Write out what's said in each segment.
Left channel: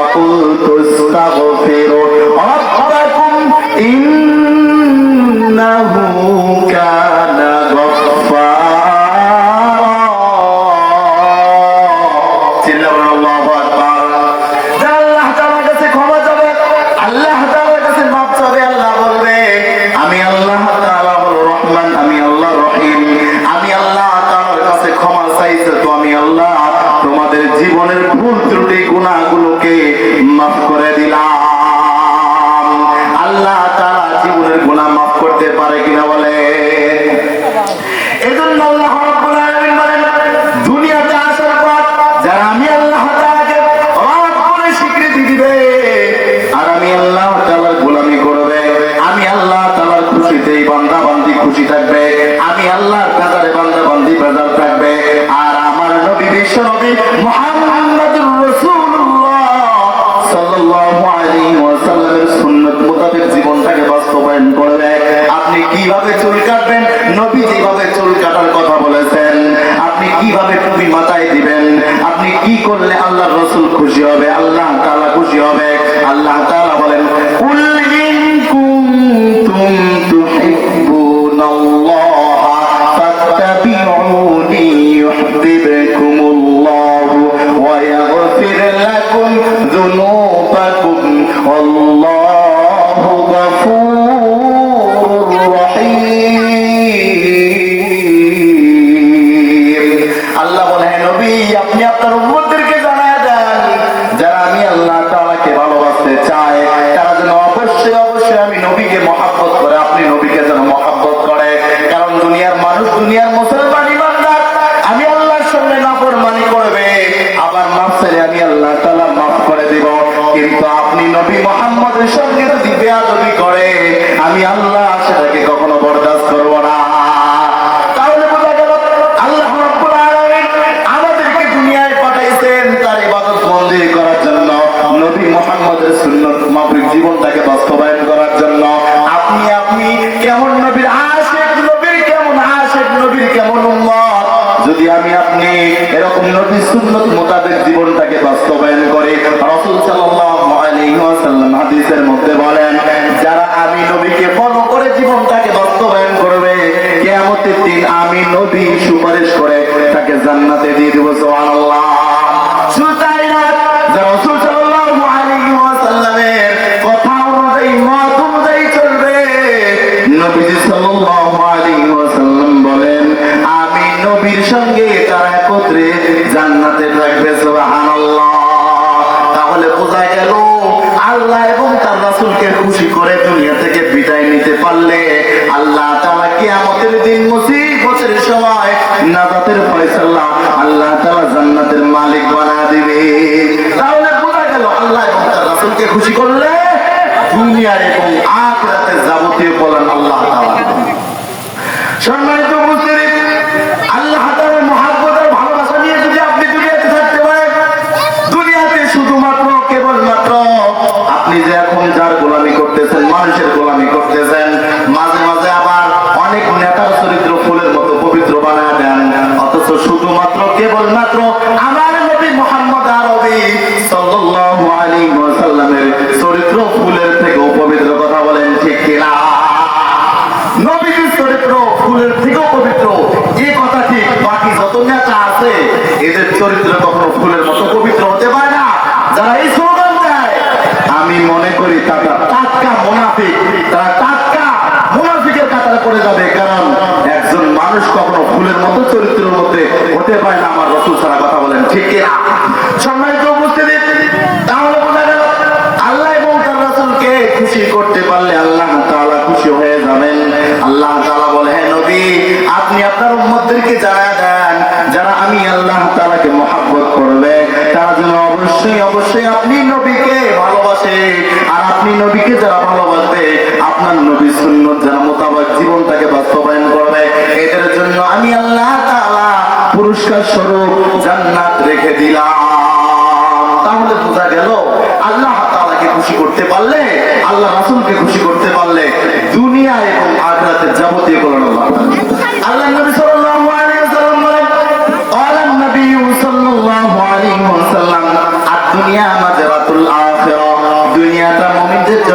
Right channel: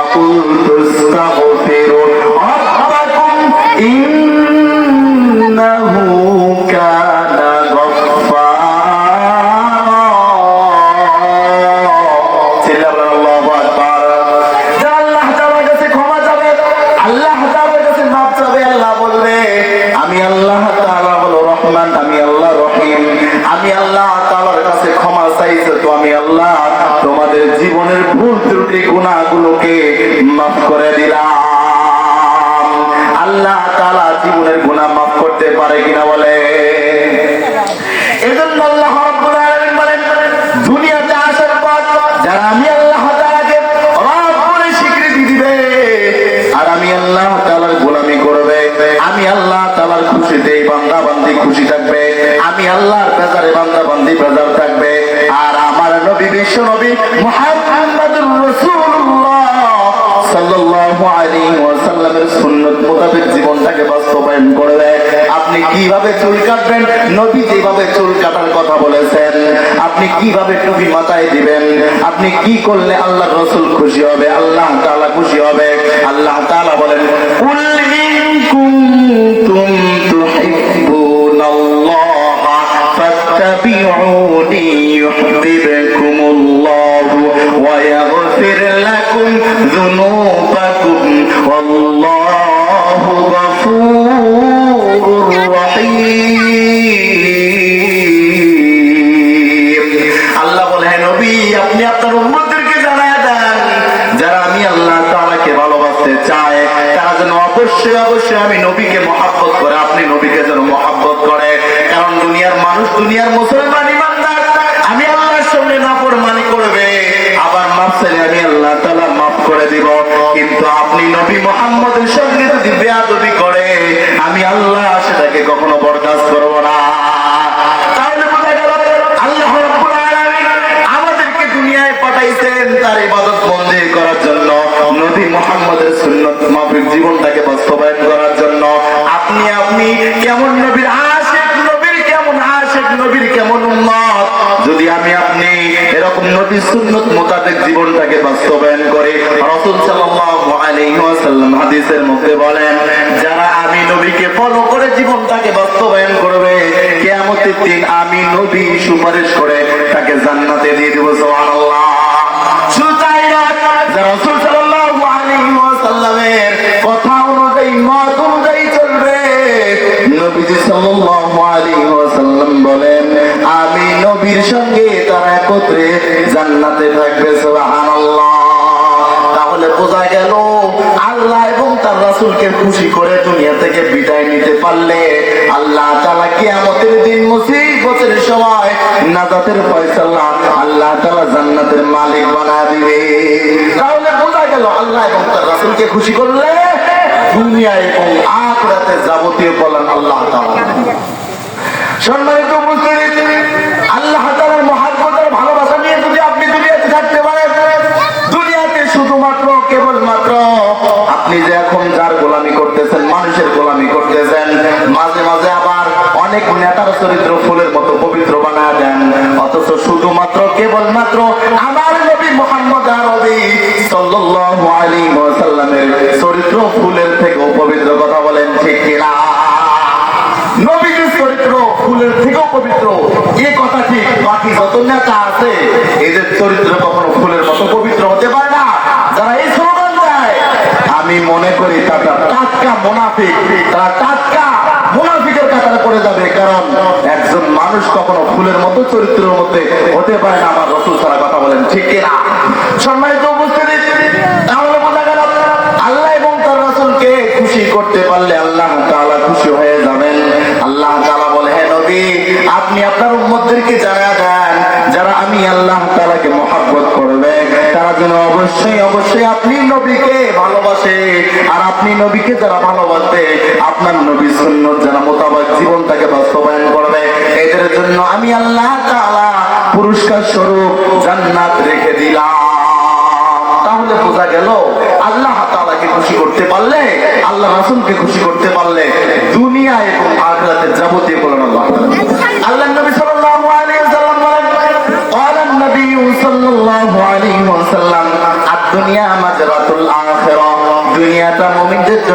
Oh. জীবনের গুণা মাফ করতে পারে কিনা বলে? আল্লাহ আর আমি আল্লাহ গোলামি করবে, আমি আল্লাহ তাআলার খুশিতে বান্দা বান্দি খুশি থাকবে। কি করলে হাদিসের মধ্যে বলেন, যারা আমি নবীকে ফলো করে জীবনটাকে বাস্তবায়ন করবে, কেয়ামতের দিন আমি নবী সুপারিশ করে আমাকে খুশি করলে দুনিয়া এবং আখ রাতে যাবতীয় বলেন আল্লাহ সম্মানিত স্লোগানটা আছে। এদের চরিত্র কখনো ফুলের মতো পবিত্র হতে পারে না। যারা এই স্লোগান দেয়, আমি মনে করি তারা টাটকা মুনাফিক। তারা টাটকা মুনাফিকের কাতারে পড়ে যাবে, কারণ একজন মানুষ কখনো ফুলের মতো চরিত্রের মধ্যে হতে পারে না। আমার রসুল ছাড়া কথা বলেন ঠিক কিনা? অবশ্যই অবশ্যই। আপনি নবীকে ভালোবাসে আর আপনি নবীকে যারা ভালোবাসে, আপনার নবী শূন্য যারা মোতাবেক জীবনটাকে বাস্তবায়ন করবে, এদের জন্য আমি আল্লাহ তাআলা পুরস্কার স্বরূপ জান্নাত রেখে দিলাম। তাহলে বোঝা গেল, আল্লাহ তালাকে খুশি করতে পারলে? আল্লাহ রাসুলকে খুশি করতে পারলে? দুনিয়া এবং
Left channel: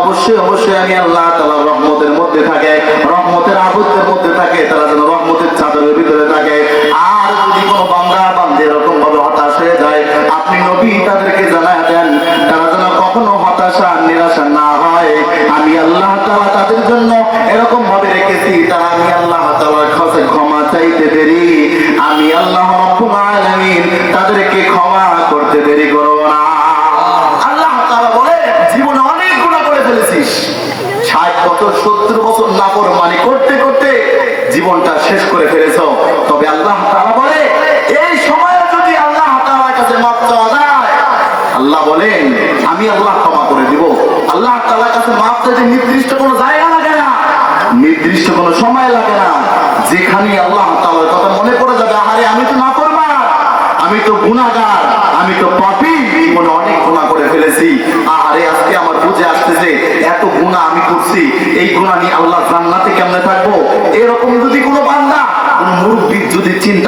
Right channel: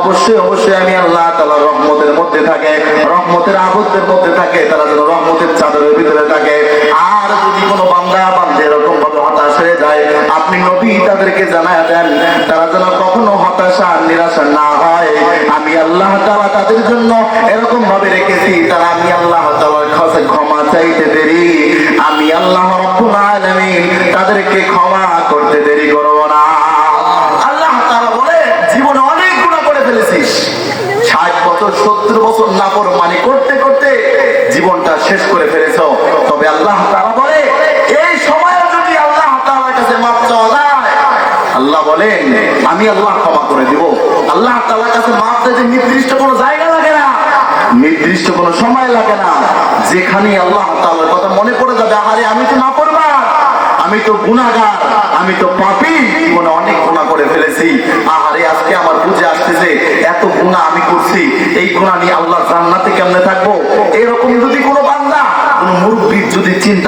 অবশ্যই অবশ্যই আমি আল্লাহ তাআলার রহমতের মধ্যে থাকে রহমতের আবদ্ধের মধ্যে থাকে তারা যেন চাদরের ভিতরে থাকে। আর যদি কোনো বান্দা বান্দে এরকম ভাবে হতাশ হয়ে যায়, আপনি নবী তাদেরকে জানায় দেন, তারা যেন কখনো হতাশা নিরাশা না হয়। আমি আল্লাহ তাআলা তাদের জন্য এরকম ভাবে রেখেছি, তারা আমি আল্লাহ তাআলার কাছে ক্ষমা চাইতে দেরি। আমি আল্লাহ রাব্বুল না। জীবনে অনেক গুনাহ করে ফেলেছিস। 60 বছর 70 বছর নাফরমানি করতে করতে জীবনটা শেষ করে ফেলেছো। তবে আল্লাহ বলে, এই সময় যদি আল্লাহ তাআলার কাছে মাপ আল্লাহ বলেন, আমি আল্লাহ ক্ষমা করে দিব। আল্লাহ তাআলার কাছে মাপ চাইতে নির্দিষ্ট কোনো জায়গা লাগে না, নির্দিষ্ট কোনো সময় লাগে না। যেখানে আল্লাহ তাআলার কথা মনে পড়ে যাবে আরে আমি তো না করবা আমি তো গুনাহগার, আমি তো পাপী, জীবনে অনেক গুনাহ করে ফেলেছি। আরে আজকে আমার বুঝে আসতেছে এত গুনাহ আমি করছি, এই গুনাহ নিয়ে আল্লাহ জান্নাতে কেমনে থাকব? এরকম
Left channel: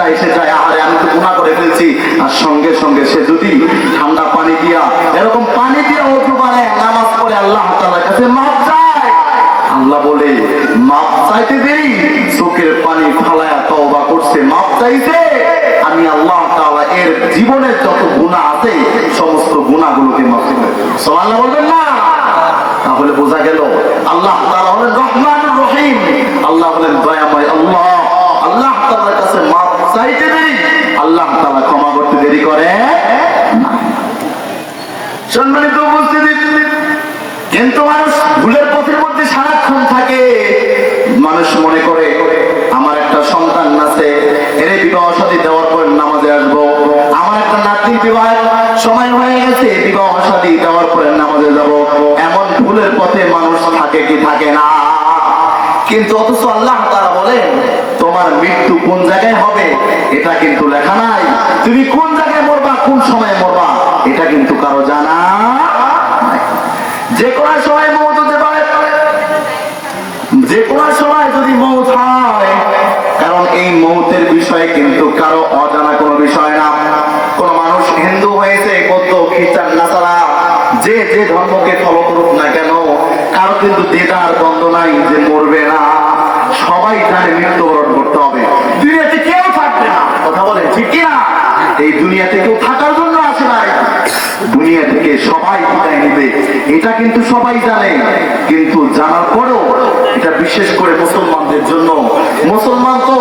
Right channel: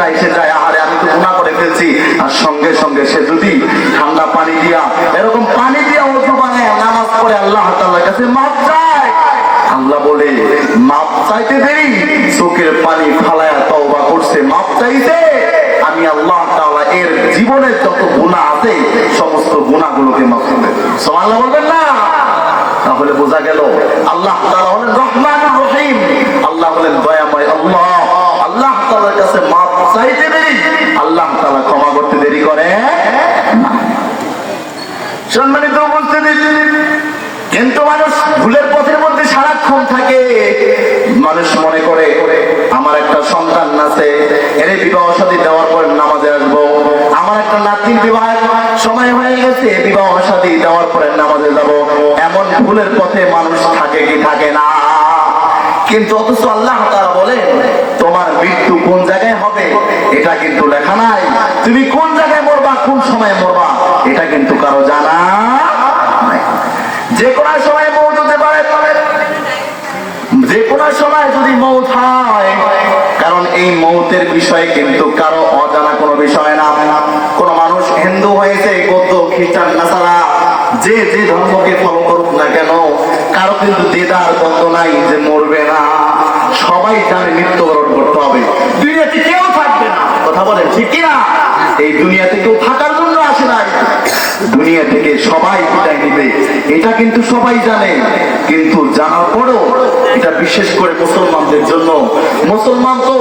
চিন্তা এসে যায় আরে আমি তো গুনাহ করে ফেলছি। আর সঙ্গে সঙ্গে সে যদি ঠান্ডা পানি দিয়া, এরকম পানি দিয়া অজু বানায় নামাজ পড়ে আল্লাহ তাআলার কাছে মাপ চায়। আল্লাহ বলে মাপ চাইতে দেরি, চোখের পানি ফালায়া তওবা করছে মাপ চাইতে আমি আল্লাহ তাআলা এর জীবনের যত গুনাহ আছে, সমস্ত গুনাহগুলোকে মাফ করে সুবহানাল্লাহ বলবেন না? তাহলে বোঝা গেল, আল্লাহ তাআলা হলেন রহমানুর রহিম। আল্লাহ হলেন দয়াময় আল্লাহ। আল্লাহ তাআলার কাছে মাপ চাইতে দেরি? আল্লাহ তাআলা ক্ষমা করতে দেরি করে? না। সম্মানিত উপস্থিতি, কিন্তু মানুষ ভুলের পথের মধ্যে সারাক্ষণ থাকে। মানুষ মনে করে, আমার একটা সন্তান আছে এর বিবাহ সাথী দেওয়ার পর নামাজে আসব। আমার একটা নাতির বিবাহ, সময় হয়ে গেছে, বিবাহ সাথী দেওয়ার পরে নামাজে যাব। এমন ভুলের পথে মানুষ থাকে কি থাকে না? কিন্তু অথচ আল্লাহ তারা বলেন মৃত্যু কোন জায়গায় হবে? এটা কিন্তু লেখা নাই। তুমি কোন জায়গায় মরবা, কোন সময় মরবা, এটা কিন্তু কারও জানা যে কোনো সময় হতে পারে। যে সময় যদি হয়, কারণ এই মৌতের বিষয় কিন্তু কারও অজানা কোনো বিষয় না। কোন মানুষ হিন্দু হয়েছে কত খ্রিস্টান, নাসারা, যে যে ধর্মকে ফলো করুক না কেন, কারও কিন্তু দেদার দ্বন্দ্ব নাই যে মরবে না। সবাই তার মৃত্যুবরণ করতে হবে। দুনিয়াতে কেউ থাকবে না। কথা বলে ঠিক কিনা? এই দুনিয়াতে কেউ থাকার জন্য আসে নাই। দুনিয়া থেকে সবাই বিদায় নিবে। এটা কিন্তু সবাই জানে। কিন্তু জানার পরও এটা বিশেষ করে মুসলমানদের জন্য। মুসলমান তো